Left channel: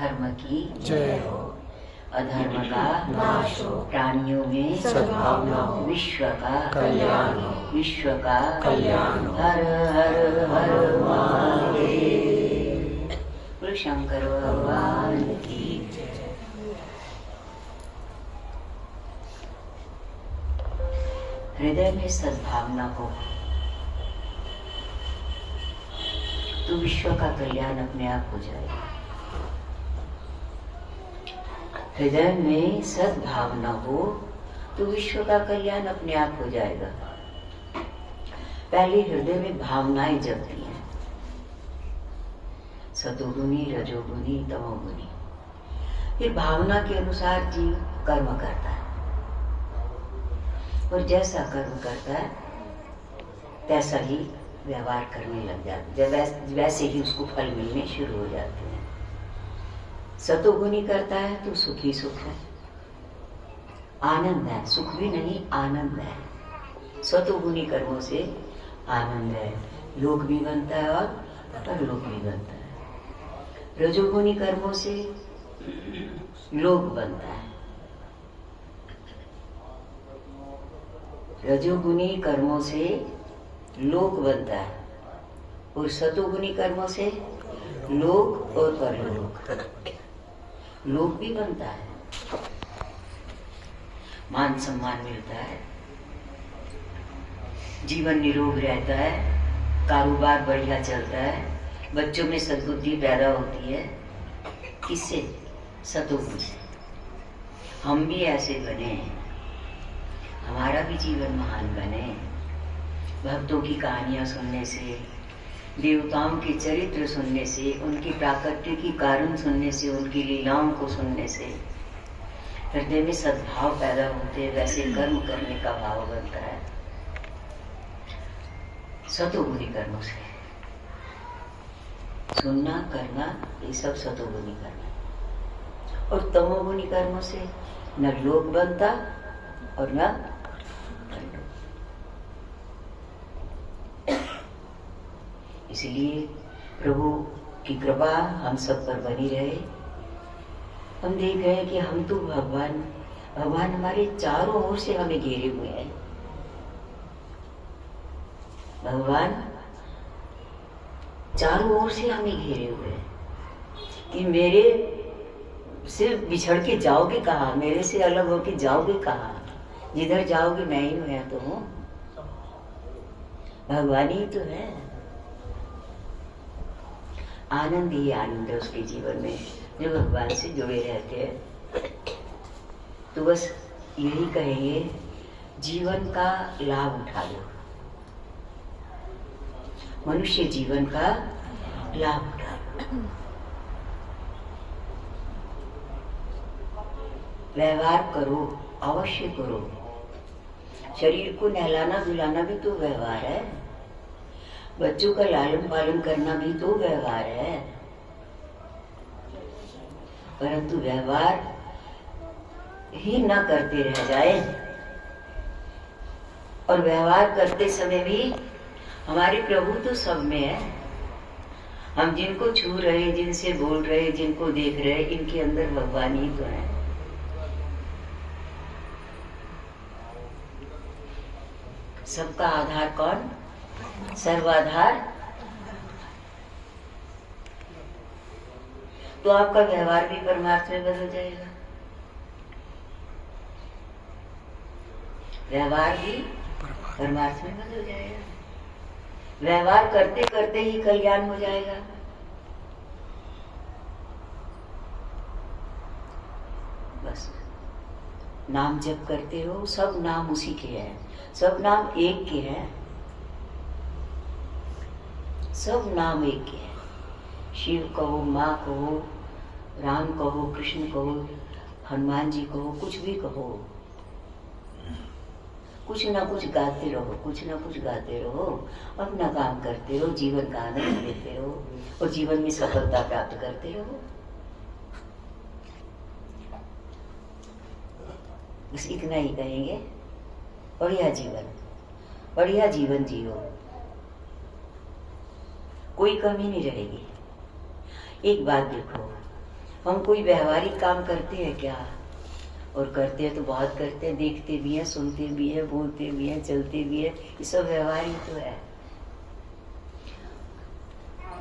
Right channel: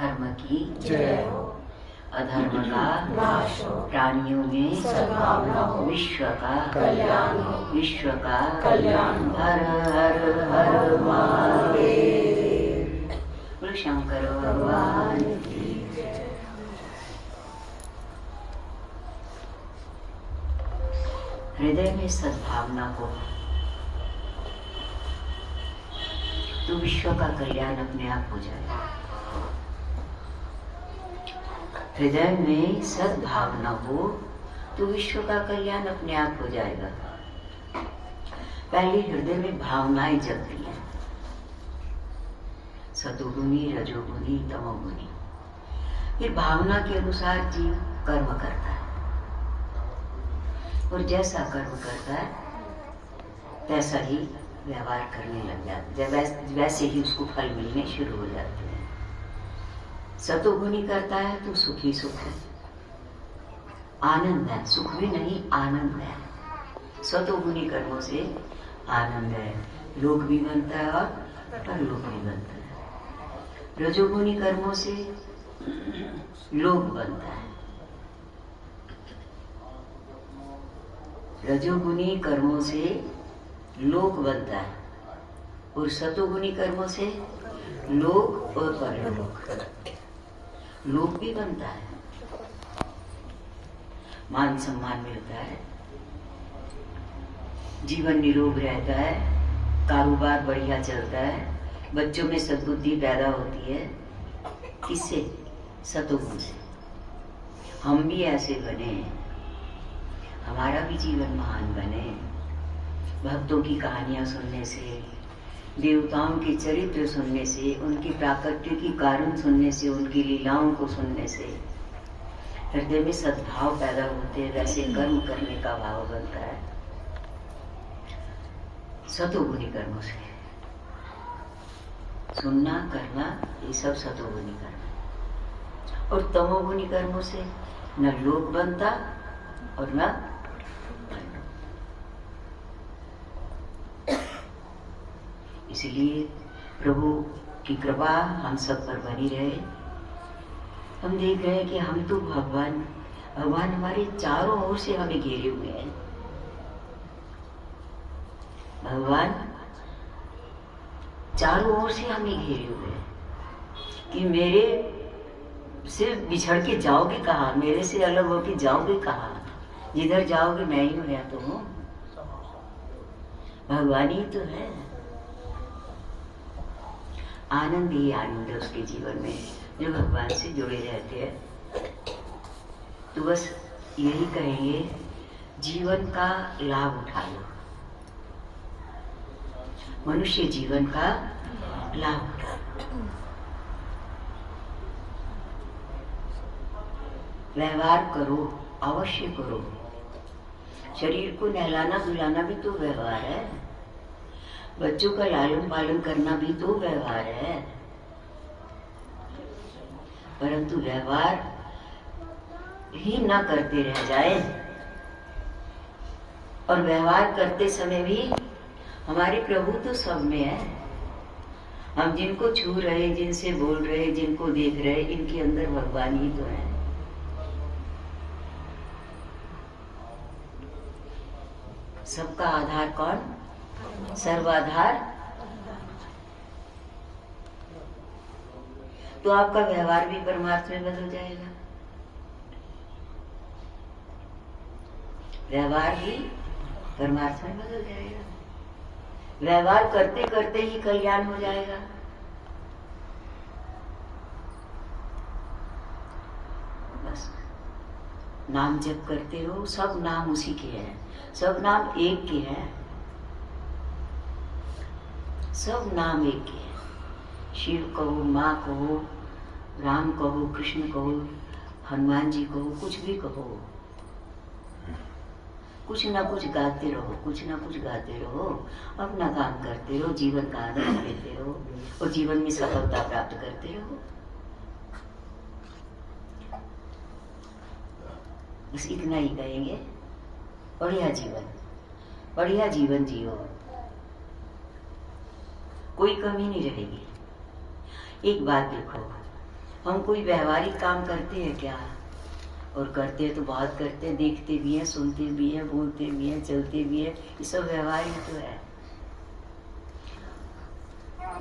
धर्म की जय हो, अधर्म का नाश हो, प्राणियों में सद्भावना हो, विश्व का कल्याण हो, विश्व का कल्याण हो। हर हर हर महादेव। बोलो शंकर भगवान की जय। हृदय में सद्भावना को तो विश्व का कल्याण अपने आप हो जाएगा। हृदय में सद्भावना हो तो विश्व का कल्याण अपने आप हो जाएगा। पहले हृदय में भावनाएं जगती हैं, सतोगुनी, रजोगुनी, तमोगुनी। फिर भावना के अनुसार जीव कर्म करता है और जैसा कर्म करता है तैसा ही व्यवहार करने लग जाते, वैसे ही उसको फल मिलने शुरू हो जाते हैं। सतोगुनी करता है तो सुख ही सुख है, आनंद है, सुख भी नहीं आनंद है। सतोगुनी कर्मों से आनंद है, लोक भी बनता है और परलोक भी बनता है। रजोगुनी कर्मों से लोक बनता है, रजोगुनी कर्मों से लोक बनता है और सतोगुनी कर्मों से लोक और परलोक, लोक भी बनता है, मान सम्मान मिलता है, जीवन निरोग रहता है, कारोबार बढ़िया चलता है, बच्चों में सद्बुद्धि पैदा होती है। किससे? सतोगुण से। हम भी ऐसे बने, हमारा भी जीवन महान बने। भक्तों की कहानियां सुनने से, देवताओं के चरित्र सुनने से, उनके प्राकट्य कारण सुनने से, उनकी लीलाओं को सुनने से हृदय में सद्भाव पैदा होते हैं, वैसे कर्म करने का भाव बनता है। सतोगुनी कर्मों से सुनना, करना, ये सब सतोगुनी कर्म है। और तमोगुनी कर्मों से न लोक बनता और न इसलिए प्रभु की कृपा हम सब पर बनी रहे। हम देख रहे हैं कि हम तो भगवान हमारे चारों ओर से हमें घेरे हुए हैं। भगवान चारों ओर से हमें घेरे हुए हैं कि मेरे से बिछड़ के जाओगे कहाँ, मेरे से अलग होके जाओगे कहाँ, जिधर जाओगे मैं ही हूँ, या तो हूँ, भगवान ही तो है। आनंद ही आनंद है उसके जीवन में जो भगवान से जुड़े रहते हैं। तो बस यही कहेंगे, जीवन का लाभ उठा लो, मनुष्य जीवन का लाभ उठा लो। व्यवहार करो, अवश्य करो। शरीर को नहलाना धुलाना भी तो व्यवहार है, बच्चों का लालन पालन करना भी तो व्यवहार है। परंतु व्यवहार ही ना करते रह जाए, और व्यवहार करते समय भी हमारे प्रभु तो सब में है। हम जिनको छू रहे, जिनसे बोल रहे, जिनको देख रहे, इनके अंदर भगवान ही तो है। सबका आधार कौन? सर्वाधार। तो आपका व्यवहार भी परमार्थ में बदल जाएगा, व्यवहार भी परमार्थ में बदल जाएगा। व्यवहार करते करते ही कल्याण हो जाएगा। बस नाम जप करते रहो, सब नाम उसी के हैं, सब नाम एक के हैं, सब नाम एक के हैं। शिव कहो, माँ कहो, राम कहो, कृष्ण कहो, हनुमान जी कहो, कुछ भी कहो, कुछ ना कुछ गाते रहो, कुछ ना कुछ गाते रहो, अपना काम करते रहो, जीवन का आनंद लेते रहो और जीवन में सफलता प्राप्त करते रहो। बस इतना ही कहेंगे। बढ़िया जीवन जियो, कोई कमी नहीं रहेगी। एक बात देखो, हम कोई व्यवहारिक काम करते हैं क्या? और करते हैं तो बहुत करते हैं, देखते भी हैं, सुनते भी हैं, बोलते भी हैं, चलते भी हैं, ये सब व्यवहार ही तो है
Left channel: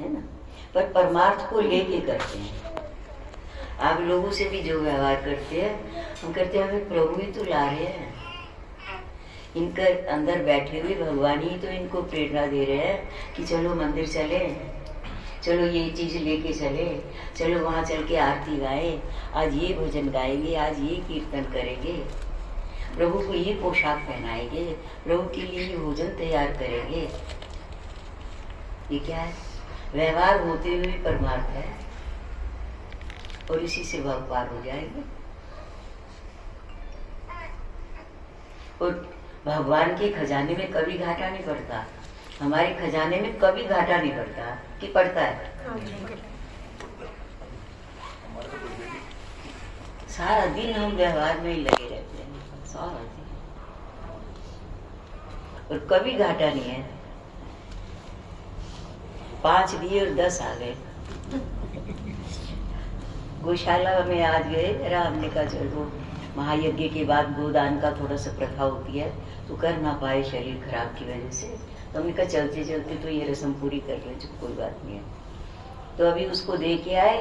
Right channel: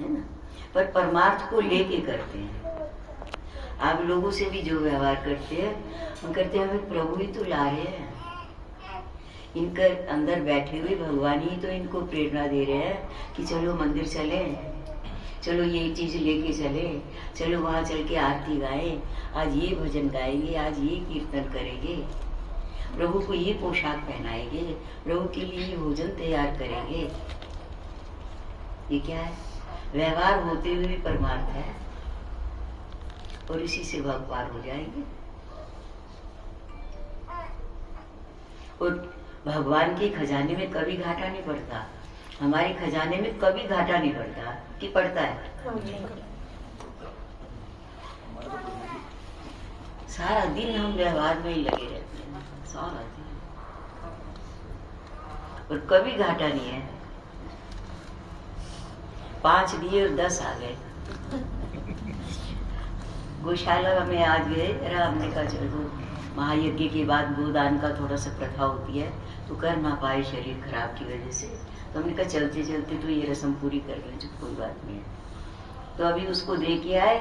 ना? पर परमार्थ को लेके करते हैं। आप लोगों से भी जो व्यवहार करते हैं, हम करते हैं हमें प्रभु ही तो ला रहे हैं, इनका अंदर बैठे हुए भगवान ही तो इनको प्रेरणा दे रहे हैं कि चलो मंदिर चले, चलो ये चीज लेके चले, चलो वहां चल के आरती गाए, आज ये भजन गाएंगे, आज ये कीर्तन करेंगे, प्रभु को ये पोशाक पहनाएंगे, प्रभु के लिए ये भोजन तैयार करेंगे। ये क्या है? व्यवहार होते हुए परमार्थ है, और इसी से वह पार हो जाएंगे। और भगवान के खजाने में कभी घाटा नहीं पड़ता, हमारे खजाने में कभी घाटा नहीं पड़ता कि पड़ता है? सारा दिन हम व्यवहार में ही लगे रहते हैं, सारा दिन, और कभी घाटा नहीं है। 5 दिए और 10 आ गए। गौशाला में आज गए, जरा हमने कहा चलो महायज्ञ के बाद गोदान का थोड़ा सा प्रथा होती है, तो कर ना पाए शरीर खराब की वजह से, तो हमने कहा चलते चलते तो ये रस्म पूरी कर लें, कोई बात नहीं है। तो अभी उसको दे के आए,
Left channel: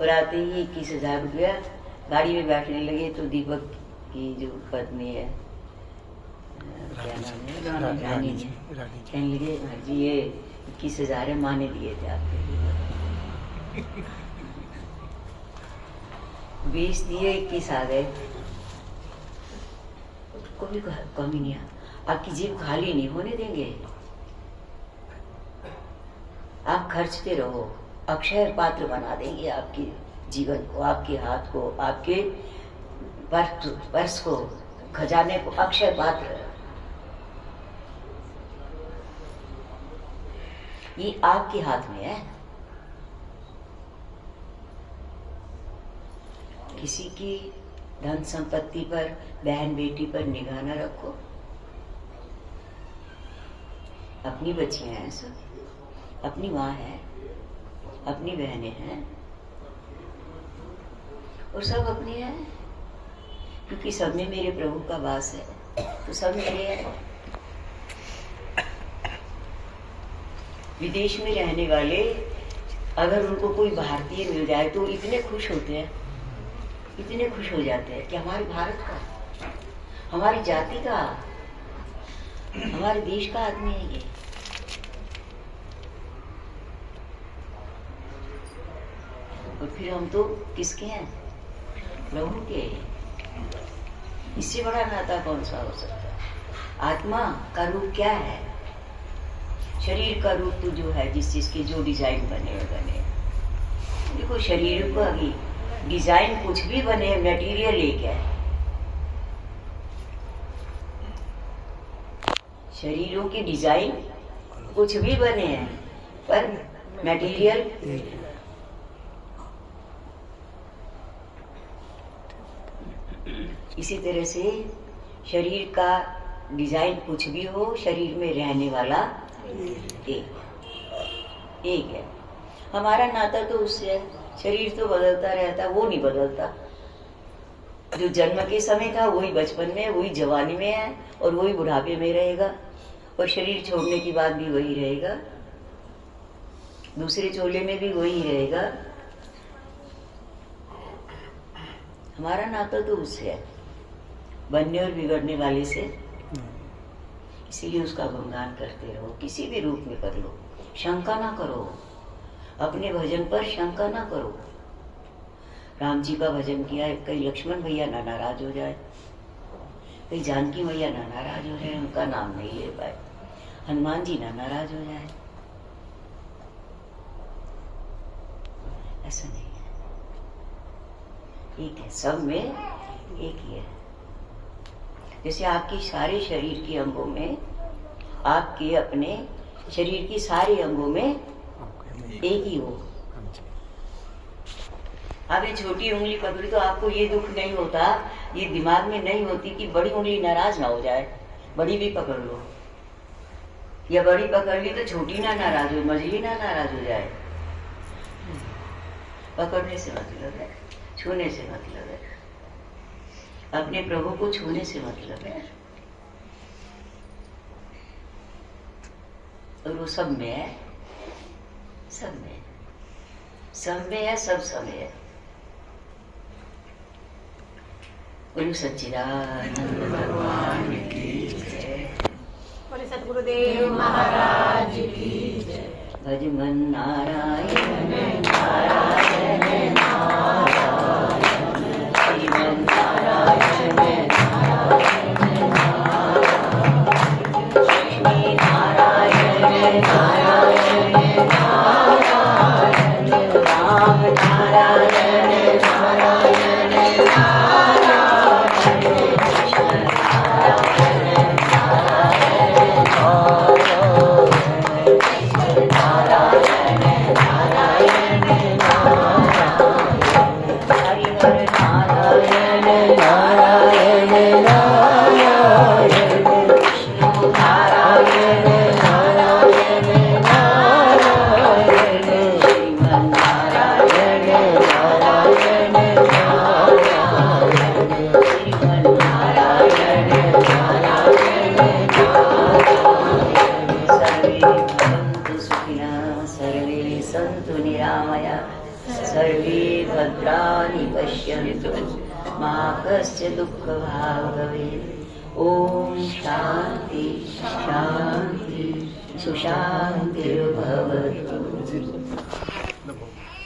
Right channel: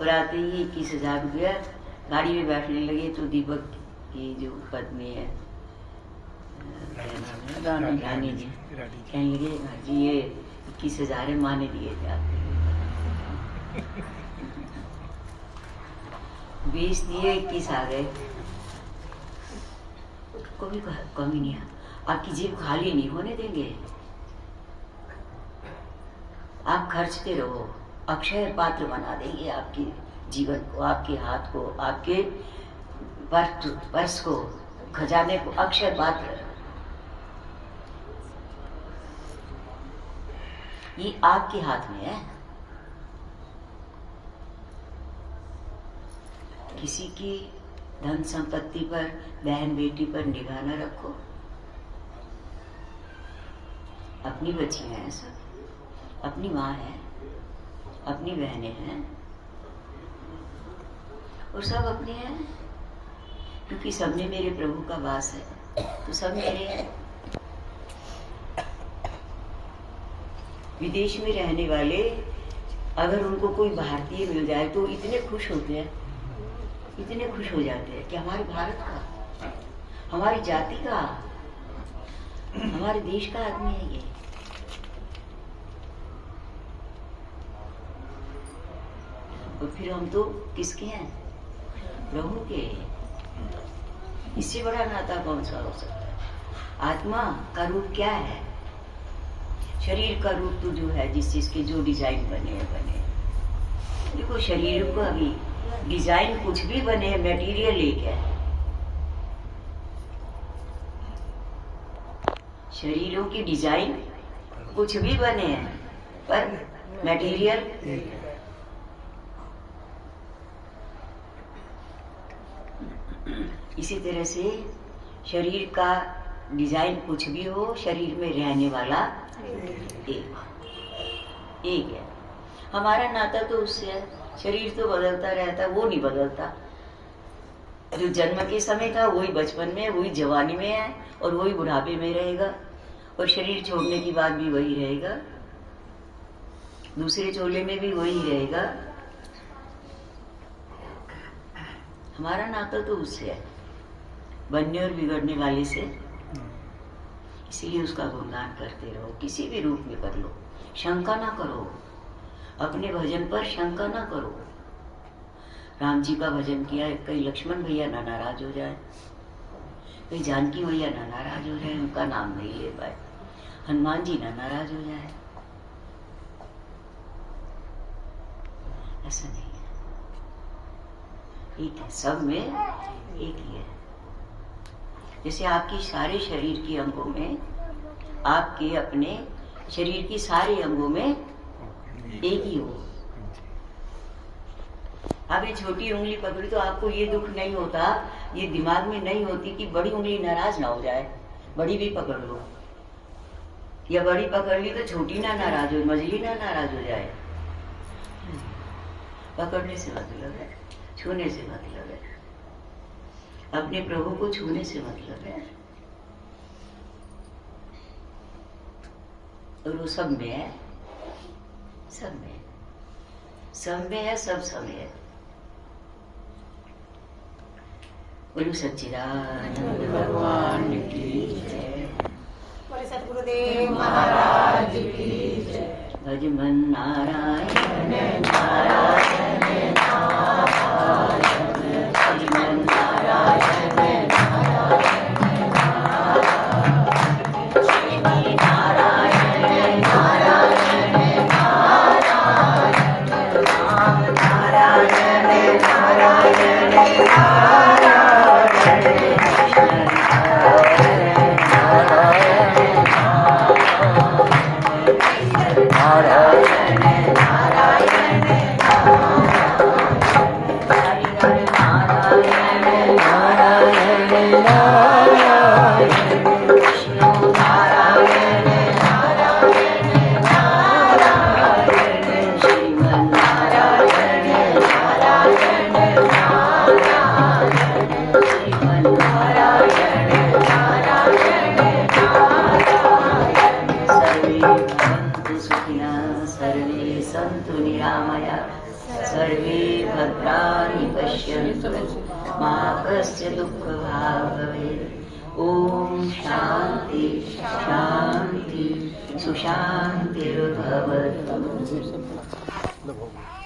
और आते ही 21,000 रुपया, गाड़ी में बैठने लगे तो दीपक की जो पत्नी है, क्या नाम है, रानी जी, कहने लगे हाँ जी ये 21,000 है, माँ ने दिए थे आपके, 20 दिए, 21 आ गए। कोई कमी नहीं है, आपकी जेब खाली नहीं होने देंगे, आप खर्चते रहो, अक्षय पात्र बना देंगे आपके जीवन को, आपके हाथ को, आपके पर्स को, खजाने को, अक्षय पात्र। ये आपके हाथ में है। किसी की धन संपत्ति पर, बहन बेटी पर निगाह न रखो। अपनी बच्चियां हैं सब, अपनी माँ है, अपनी बहनें हैं, और सब अपने हैं, क्योंकि सब में मेरे प्रभु का वास है, तो सब मेरे हैं। विदेश में रहने वाले अगर उनको कोई भारतीय मिल जाए तो इतने खुश होते हैं, इतने खुश हो जाते हैं कि हमारे भारत का, हमारी जाति का, हमारे देश का आदमी है ये। और फिर हम तो किसके हैं? प्रभु के। इससे बड़ा नाता कौन सा हो सकता है? आत्मा का रूप क्या है? शरीर का रूप तो जो है, जिस चीज के जो डिजाइन बने बने। देखो शरीर को अभी डिजाइन कुछ भी बने, मटेरियल एक है। शरीरों की डिजाइन कुछ भी बने हैं, पर मटेरियल इसी तरह से शरीर का डिजाइन कुछ भी हो, शरीर में रहने वाला एक है। हमारा नाता तो उससे है। शरीर तो बदलता रहता, वो नहीं बदलता। जो जन्म के समय था वही बचपन में, वही जवानी में है, और वही बुढ़ापे में रहेगा, और शरीर छोड़ने के बाद भी वही रहेगा, दूसरे चोले में भी वही रहेगा। हमारा नाता तो उससे है, बनने और बिगड़ने वाले से। इसीलिए उसका गुणगान करते रहो, किसी भी रूप में कर लो, शंका ना करो, अपने भजन पर शंका ना करो। राम जी का भजन किया, कहीं लक्ष्मण भैया ना नाराज हो जाए, कहीं जानकी भैया ना नाराज हो जाए, उनका नाम नहीं ले पाए, हनुमान जी ना नाराज हो जाए, ऐसा नहीं है। एक है, सब में एक ही है। जैसे आपकी सारे शरीर के अंगों में, आपके अपने शरीर के सारे अंगों में एक ही हो। आप ये छोटी उंगली पकड़ी तो आपको ये दुख नहीं होता, ये दिमाग में नहीं होती कि बड़ी उंगली नाराज ना हो जाए, बड़ी भी पकड़ लो, या बड़ी पकड़ ली तो छोटी ना नाराज हो, मझली ना नाराज हो जाए। पकड़ने से मतलब है, छूने से मतलब है, अपने प्रभु को छूने से मतलब है। और वो सब में है, सब में, सब में है, सब समय है। बोलो सच्चिदानंद भगवान की जय। सतगुरुदेव महाराज की जय। भज मन नारायण नारायण नारायण, श्रीमन नारायण नारायण नारायण, श्री नारायण नारायण नारायण, राम नारायण नारायण नारायण, नारायण नारायण हरि हर नारायण नारायण नारायण, विष्णु नारायण नारायण नारायण, श्रीमन नारायण नारायण नारायण, श्रीमन नारायण नारायण नारायण। सर्वे भवन्तु सुखिनः, सर्वे सन्तु निरामया, सर्वे भद्राणि पश्यन्तु, मा कस्य दुःखभाग् भवेत्। ॐ शान्ति शान्ति सुशान्तिर्भवतु।